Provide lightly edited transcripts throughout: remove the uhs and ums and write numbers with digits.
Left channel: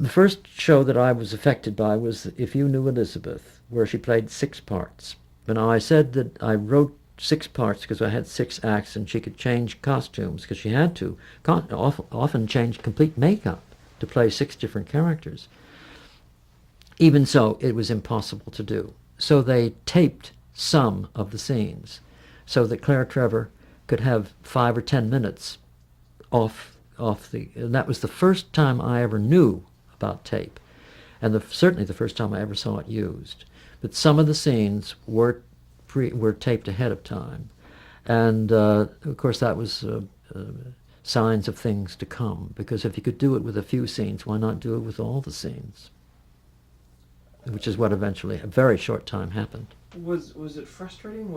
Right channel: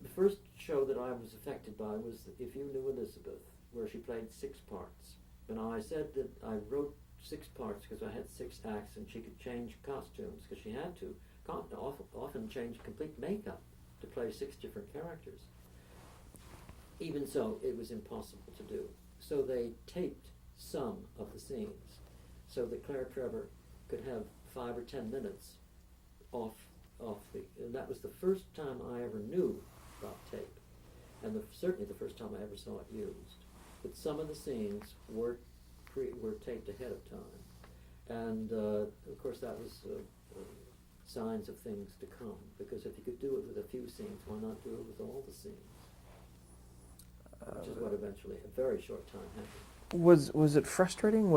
The first show that I was affected by was If You Knew Elizabeth, where she played 6 parts. And I said that I wrote 6 parts because I had 6 acts and she could change costumes because she had to often change complete makeup to play 6 different characters. Even so, it was impossible to do. So they taped some of the scenes so that Claire Trevor could have 5 or 10 minutes off the. And that was the first time I ever knew about tape, and certainly the first time I ever saw it used. But some of the scenes were taped ahead of time, and of course that was signs of things to come. Because if you could do it with a few scenes, why not do it with all the scenes? Which is what eventually, a very short time, happened. Was it frustrating?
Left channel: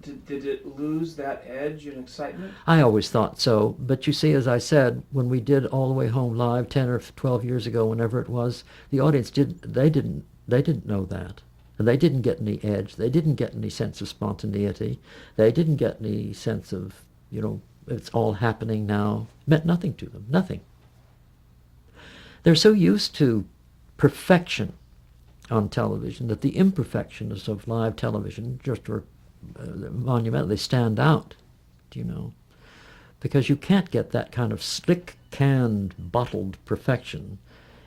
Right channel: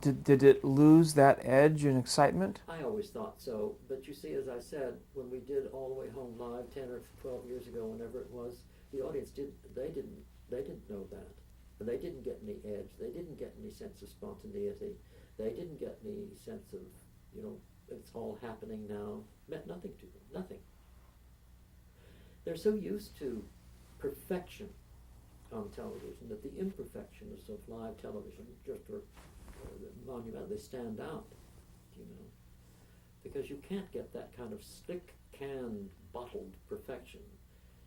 Did it lose that edge and excitement? I always thought so, but you see, as I said, when we did All the Way Home live 10 or 12 years ago, whenever it was, the audience didn't know that. And they didn't get any edge. They didn't get any sense of spontaneity. They didn't get any sense of, it's all happening now. It meant nothing to them, nothing. They're so used to perfection on television that the imperfections of live television just are monumental. They stand out, because you can't get that kind of slick, canned, bottled perfection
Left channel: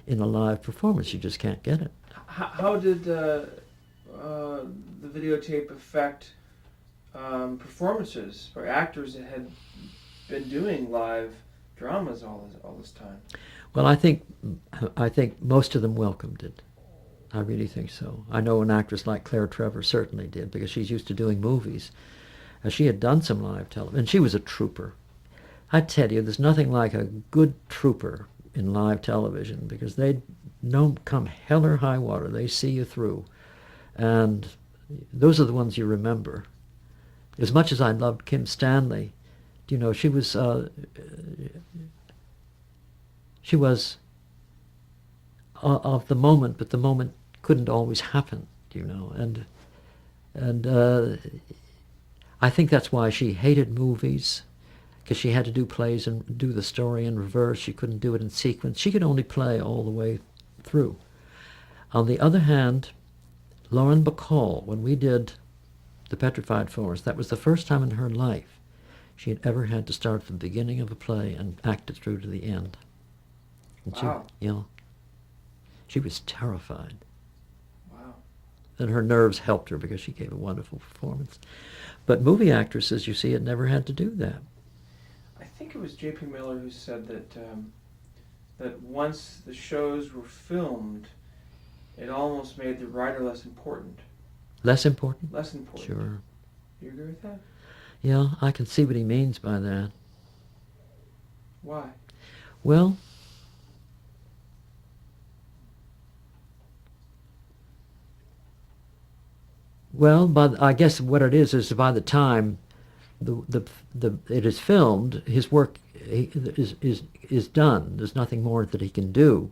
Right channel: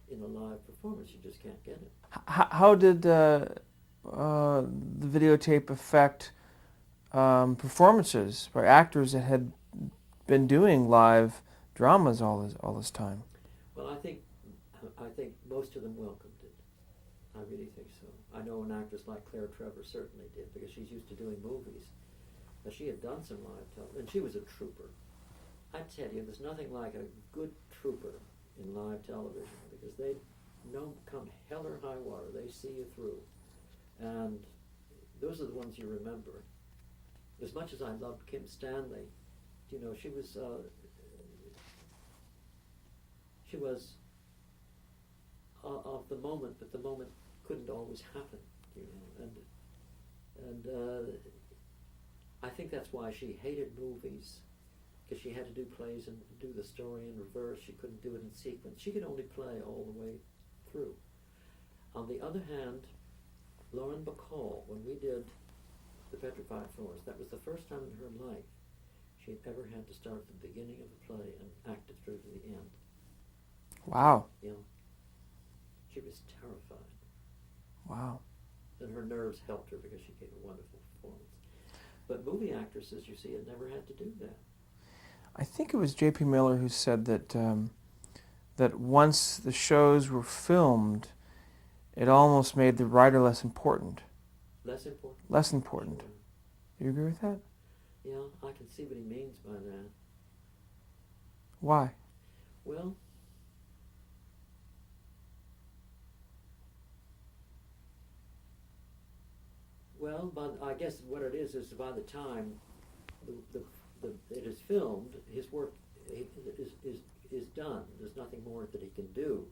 in a live performance. You just can't get it. How did the videotape affect performances by actors that had been doing live dramas all this time? Well, I think most of them welcomed it. I really think so. I know an actress like Claire Trevor certainly did, because she's used to doing movies. She had done some live television, and she was a trooper. I tell you, there's nothing like a good trooper in live television, because they don't come hell or high water. They see you through. And those are the ones you remember. As much as I loved Kim Stanley, she was of the moment, but the moment couldn't always happen, and I think that's why she hated movies, because she had to do plays and do the story in reverse. She couldn't do it in sequence. She could only play all the way through. On the other hand, Lauren Bacall, when we did The Petrified Forest, that was the first time in her life she had ever had to start at the beginning of a play and act it through to the end. And wow. She was terrified. Wow. And her nerves helped her because she gave a wonderful performance. But movie actresses, you see, had never had to do that. I think it was J.P. Miller who said that once the shows were filmed, it almost made the writer less important. Less important? Less important. Sure. You agree with that? Yeah, I can see what he means by that. Why? Well, but I guess what it is by the time it is filmed, his work is done. There's nothing more that he can do.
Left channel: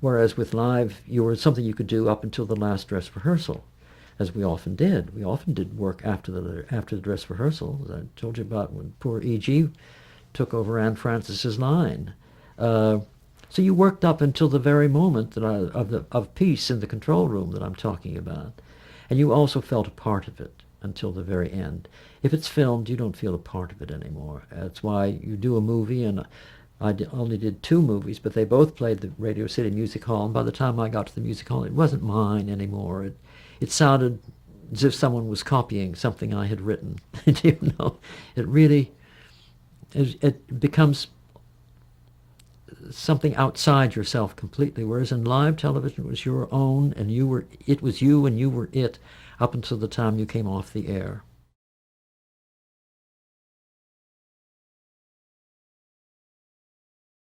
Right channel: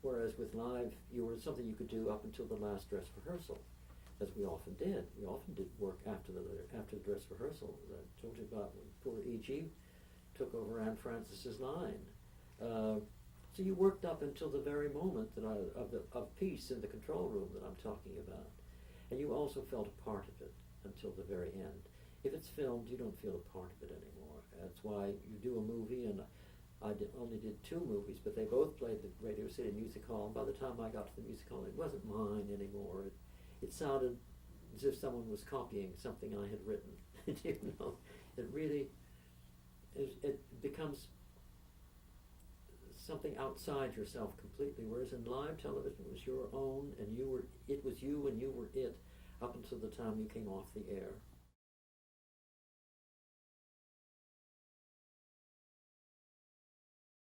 Whereas with live, something you could do up until the last dress rehearsal, as we often did. We often did work after the dress rehearsal. As I told you about when poor E.G. took over Anne Frances's line. So you worked up until the very moment of peace in the control room that I'm talking about. And you also felt a part of it until the very end. If it's filmed, you don't feel a part of it anymore. That's why you do a movie, and I only did 2 movies, but they both played the Radio City Music Hall, and by the time I got to the music hall, it wasn't mine anymore. It sounded as if someone was copying something I had written. It really, it becomes something outside yourself completely, whereas in live television it was your own, and it was you and you were it up until the time you came off the air.